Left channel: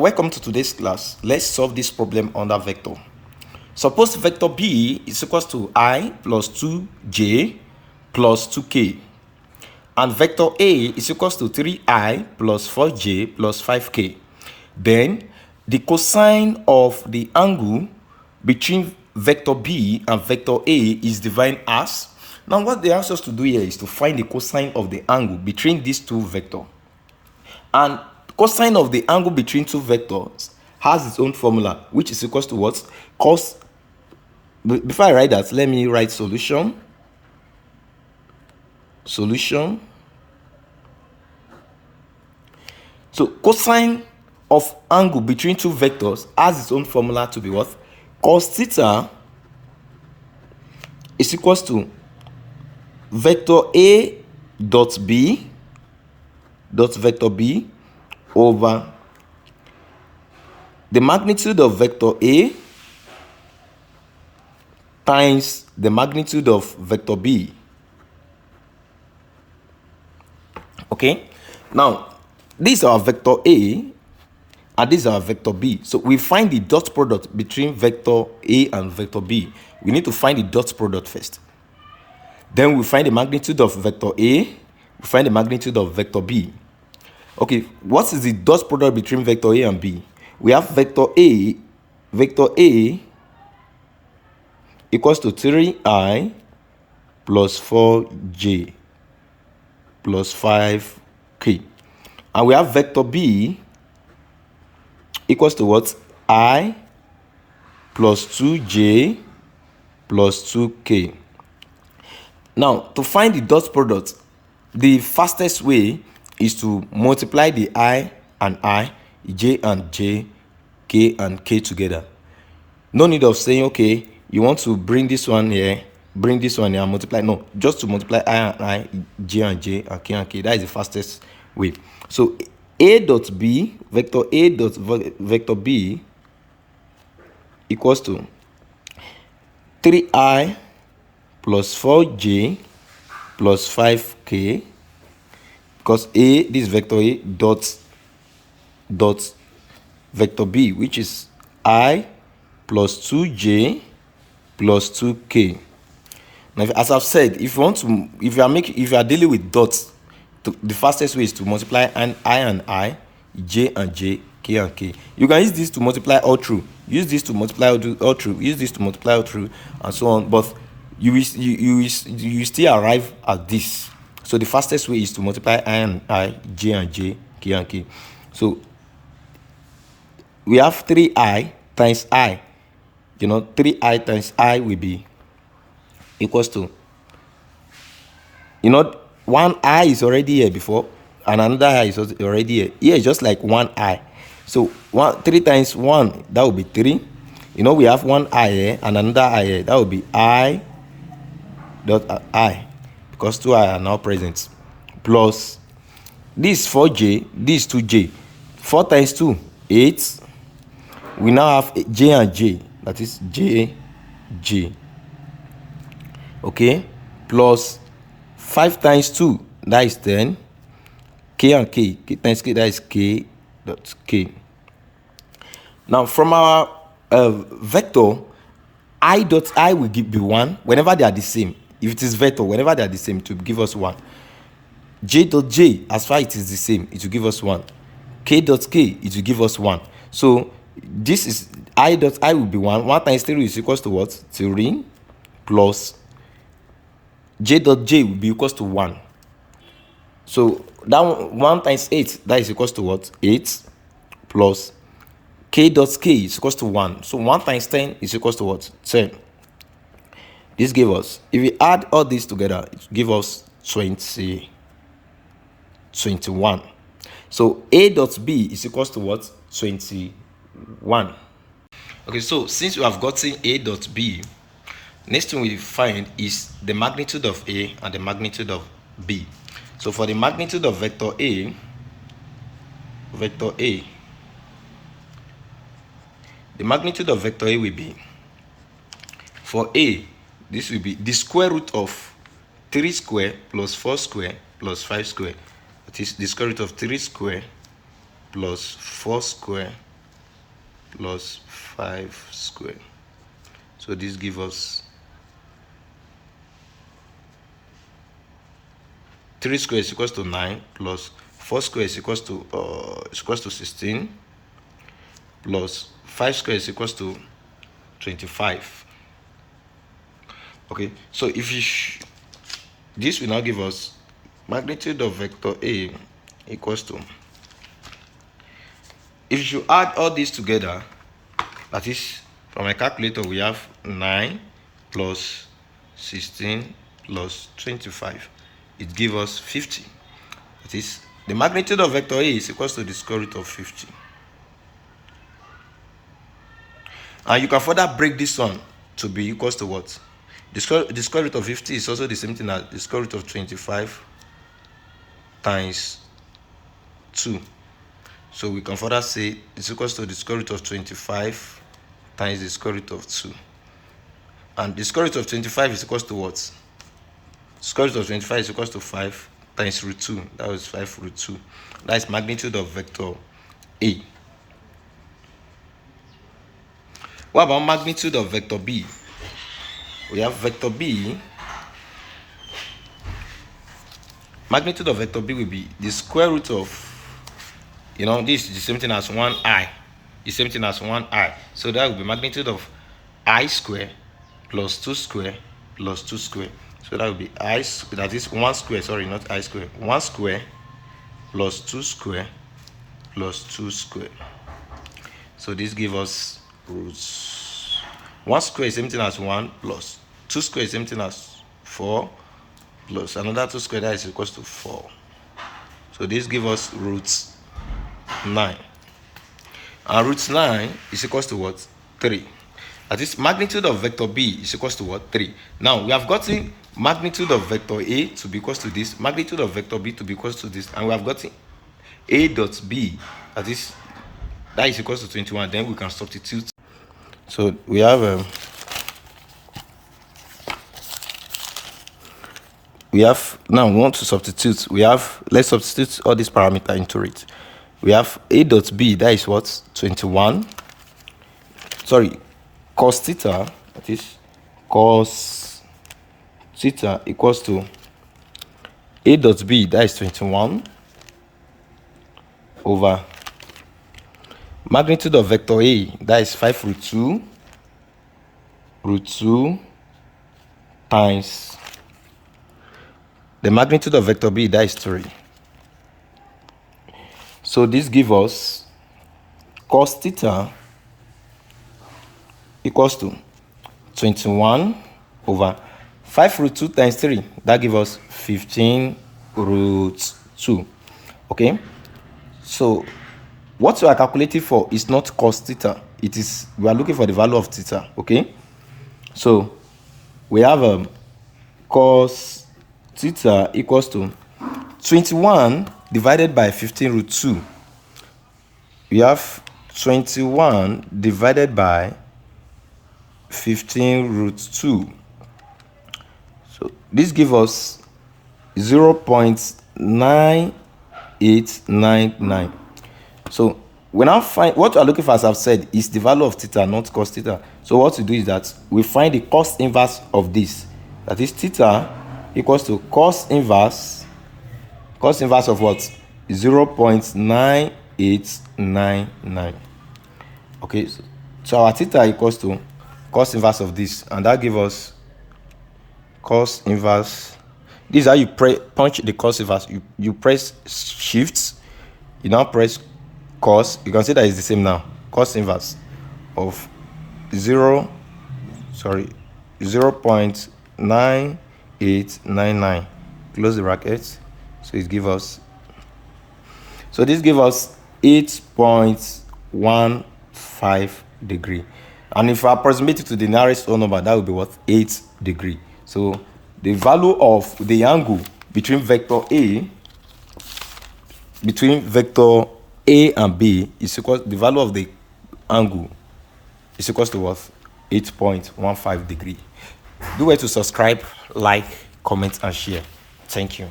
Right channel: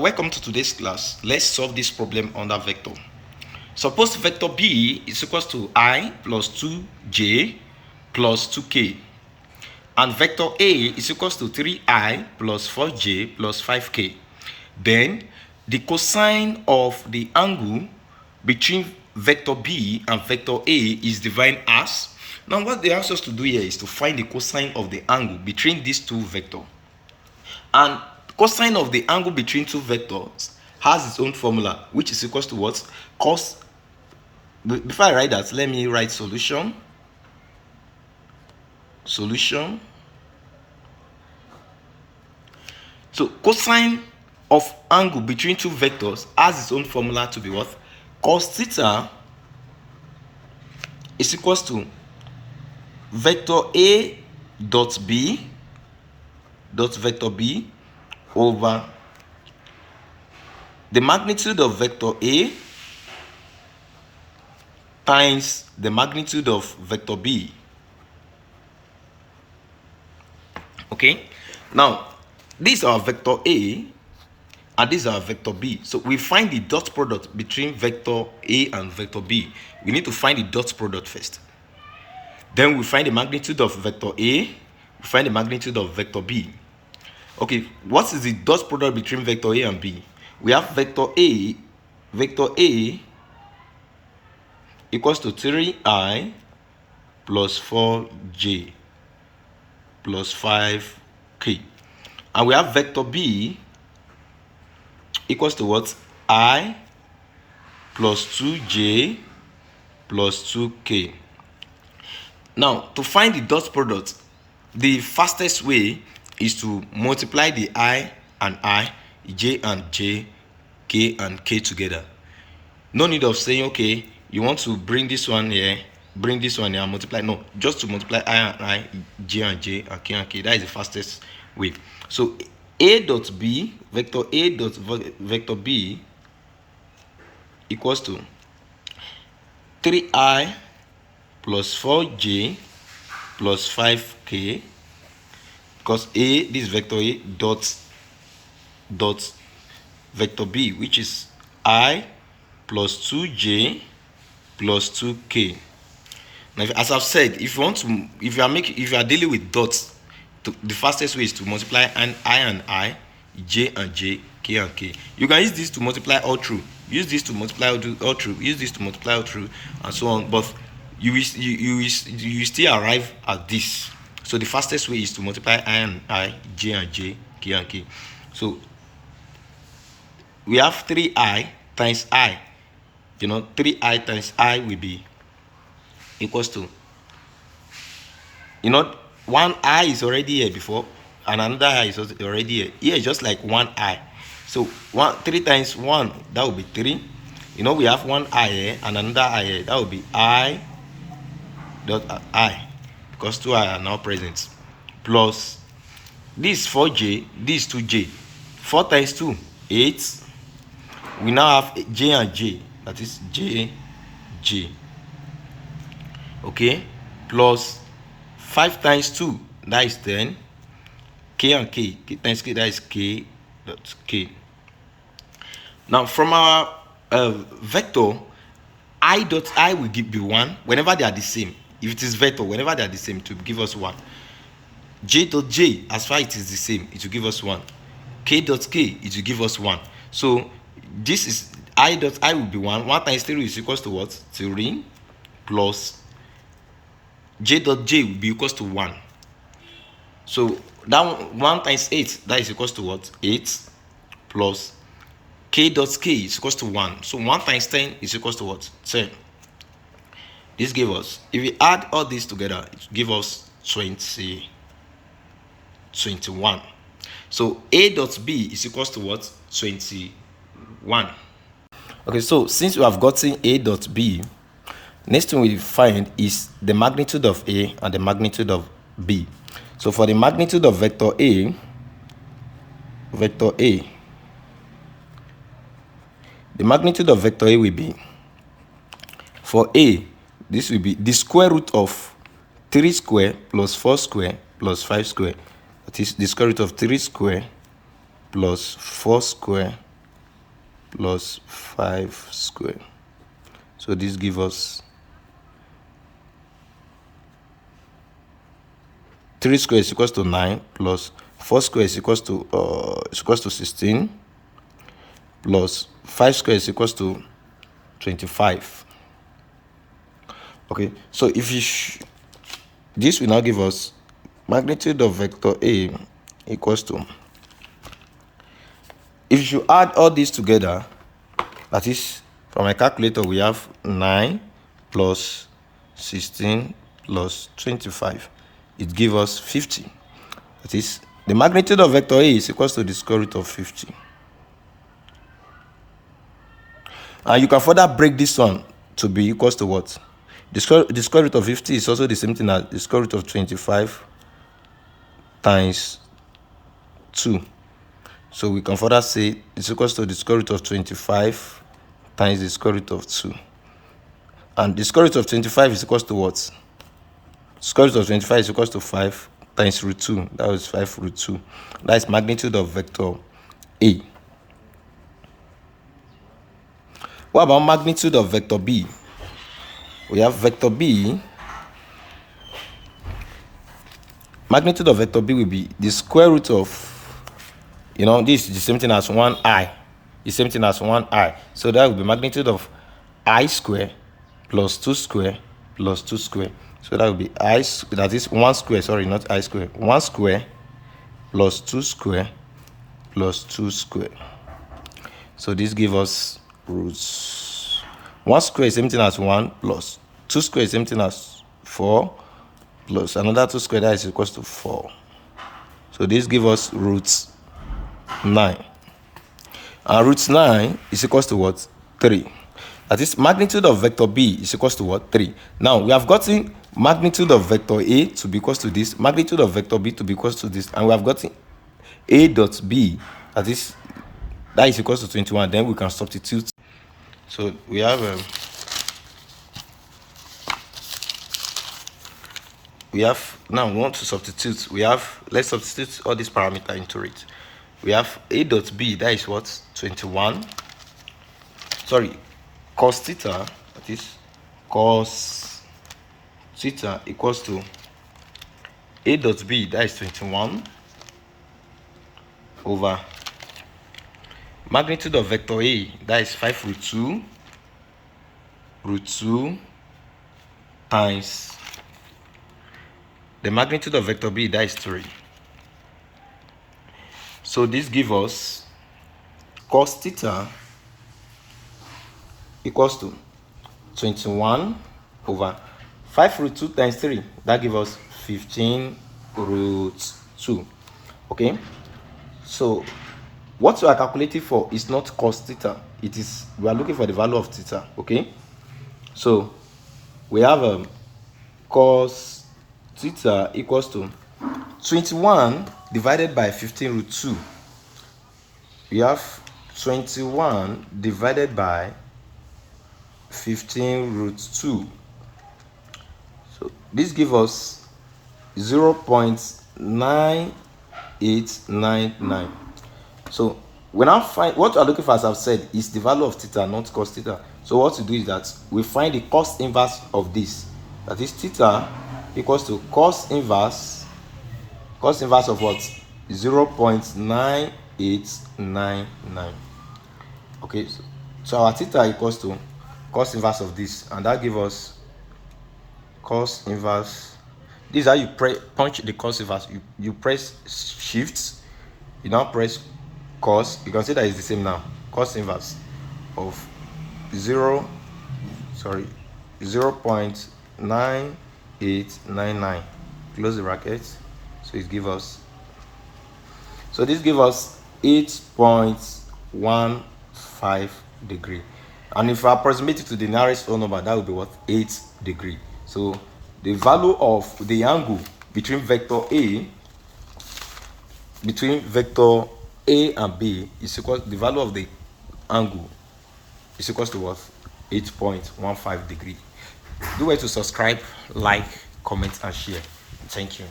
Welcome to today's class. Let's solve this problem under vector. Suppose vector b is equals to I plus 2j plus 2k, and vector a is equals to 3I plus 4j plus 5k. Then the cosine of the angle between vector b and vector a is defined as. Now what they ask us to do here is to find the cosine of the angle between these two vectors. And cosine of the angle between two vectors has its own formula, which is equals to what? Cos. Before I write that, let me write solution. Solution. So cosine of angle between two vectors has its own formula to be what? Cos theta is equals to vector A dot B dot vector B over the magnitude of vector A times the magnitude of vector B. Okay, now these are vector A and these are vector B. So we find the dot product between vector A and vector B. We need to find the dot product first. Then we find the magnitude of vector A, we find the magnitude of vector B. Okay, what is the dot product between vector A and B? We have vector A equals to 3I plus 4j plus 5k. And we have vector B equals to what? I plus 2j plus 2k. Now, to find the dot product, the fastest way is to multiply the I and I, j and j, k and k together. No need of saying, okay, you want to bring this one here, and multiply. No, just to multiply I and I, j and k and k. That is the fastest way. So A dot B, vector A dot vector B equals to 3I plus 4j plus 5k, because A, this vector A dot vector B, which is I plus 2j plus 2k. Now, as I've said, if you are dealing with dots, the fastest way is to multiply I, j and j, k and k. You can use this to multiply all through, use this to multiply all through, use this to multiply all through, and so on. But you still arrive at this. So the fastest way is to multiply I, j and j, k and k. So we have 3I times I. 3I times I will be equals to, one I is already here before, and another I is already here. Here is just like one I. So 3 times 1, that will be 3. We have one I here and another I here. That will be I dot I, because 2I are now present. Plus this 4j, this 2j. 4 times 2, 8. We now have j and j. That is j. Okay, plus 5 times 2, that is 10. K and k, k times k, that is k dot k. Now from our vector, I dot I will be 1 whenever they are the same. If it is vector, whenever they are the same, it will give us 1. J dot j, as far as it is the same, it will give us 1. K dot k, it will give us 1. So this is I dot I will be 1. 1 times 3 is equals to what? 3 plus j dot j will be equals to 1. So that 1 times 8, that is equals to what? 8 plus k dot k is equals to 1. So 1 times 10 is equals to what? 10. This gives us, if we add all these together, it gives us 21. So A dot B is equals to what? 21. Okay, so since we have gotten A dot B, next thing we find is the magnitude of A and the magnitude of B. So for the magnitude of vector A, the magnitude of vector A will be, for A, this will be the square root of 3 square plus 4 square plus 5 square. That is the square root of 3 square plus 4 square plus 5 square. So this gives us 3 square is equals to 9 plus 4 square is equals to 16 plus 5 square is equals to 25. Okay, so if you this will now give us magnitude of vector A equals to, if you add all these together, that is, from my calculator we have 9 plus 16 plus 25. It gives us 50. That is, the magnitude of vector A is equals to the square root of 50. And you can further break this one to be equals to what? The square root of 50 is also the same thing as the square root of 25 times 2. So we can further say it's equals to the square root of 25 times the square root of 2. And the square root of 25 is equals to what? Square root of 25 is equals to 5 times root 2. That is 5 root 2. That is magnitude of vector A. What about magnitude of vector B? We have vector B. Magnitude of vector B will be the square root of, this is the same thing as 1i. The same thing as 1i. So that will be magnitude of I square plus 2 square plus 2 square. So that will be that is 1 square, sorry, not I square. 1 square plus 2 square plus 2 square. So this gives us roots. 1 square is same thing as 1 plus 2 square is same thing as 4 plus another 2 square, that is equals to 4. So this gives us roots 9. And roots 9 is equals to what? 3. That is, magnitude of vector B is equals to what? 3. Now we have gotten magnitude of vector A to be equals to this, magnitude of vector B to be equals to this, and we have gotten A dot B, that is equals to 21. Then we can substitute. So we have now we want to substitute. Let's substitute all these parameters into it. We have A dot B, that is what? 21. Sorry, cos theta, that is cos theta equals to A dot B, that is 21 over magnitude of vector A, that is 5 root 2 times the magnitude of vector B, that is 3. So this gives us cos theta equals to 21 over 5 root 2 times 3. That gives us 15 root 2. Okay? So what we are calculating for is not cos theta. We are looking for the value of theta. Okay? So we have cos theta equals to 21 divided by 15 root 2. We have 21 divided by 15 root 2. So this gives us 0.9899. So we now find what we are looking for, as I've said, is the value of theta, not cos theta. So what we do is that we find the cos inverse of this. That is theta equals to cos inverse of what? 0.9899. Okay, so our theta equals to cos inverse of this, and that gives us cos inverse. This is how you punch the cos inverse. You press shift, you now press cos. You can see that it's the same now. Cos inverse of 0.9899. Close the bracket. So it gives us. So this gives us 8.15 degree. And if I approximate it to the nearest whole number, that would be what? 8 degree. So the value of the angle between vector A and B is equal. The value of the angle is equal to what? 8.15 degree. Do well to subscribe, like, comment, and share. Thank you.